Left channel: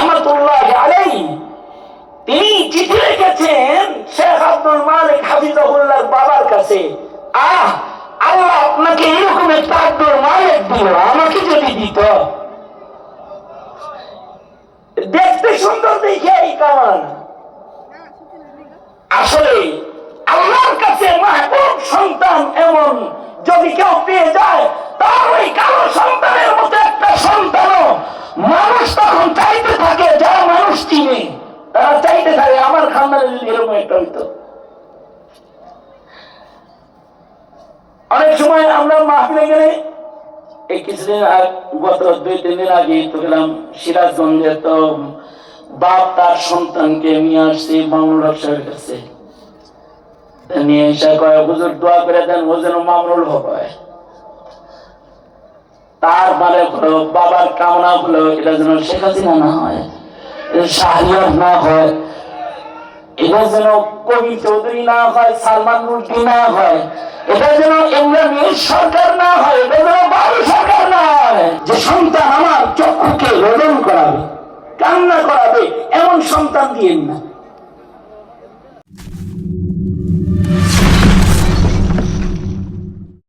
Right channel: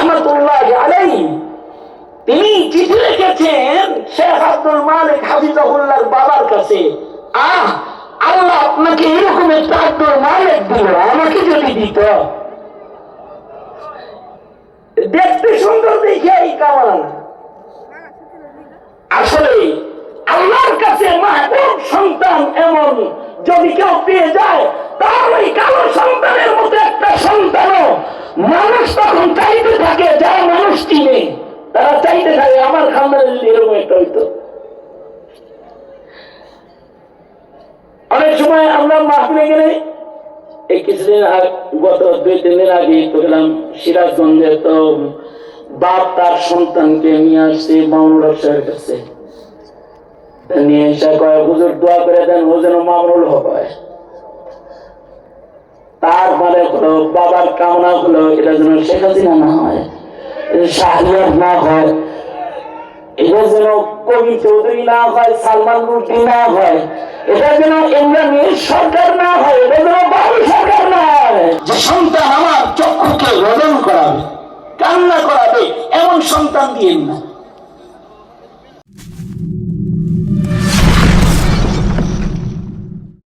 রাহমাতুল্লাহি আলাইহি তিনি চিঠি লিখেছেন শেখ আব্দুল মালিক হাফিজাহুল্লাহর বাবার কাছে, আল্লাহ আপনাকে এরকম একটা আব্দুল মালিক দিল, আমাকে যদি দিত। দেখতে সুন্দর দেখে এই কামান, আসলে আল্লাহর কাছে মাহবুব সন্তান এমন যদি কেউ পেয়ে যায়, তার ওই কালো সন্তানের মতো একটা সন্তানও মানুষ তখন চাইতে থাকে, যারা মানুষ চিনে তারা চাইতে থাকে আমার খানদানে যদি এরকম একটা হইতো। অনেক সময় আমরা মাহফিলে গেলে, এই কিছুদিন গত 2-3 দিন আগে তো গেলাম সিরাজগঞ্জে, তো বাপ তার সন্তানকে নিয়ে আসছে মামুনুল হক সাহেবের কাছে, নিয়ে এসে কয় হুজুর দোয়া করে দেন ও যেন মামুনুল হক হয়। তার মানে হলো বাবার কামনা হলো এটা যেন শেখ হাসিনা না হয়, শাহরিয়ার না হয়, এটা যেন কবি চৌধুরী না হয়, সালমান রুশদি না হয়, এটা যেন ইমরান সরকার না হয়, এটা যেন বাবু সরকার না হয়। যে সন্তান আমার চক্ষুকে রোদন করাবে, কান্না করাবে, এমন সন্তান দিয়েন না।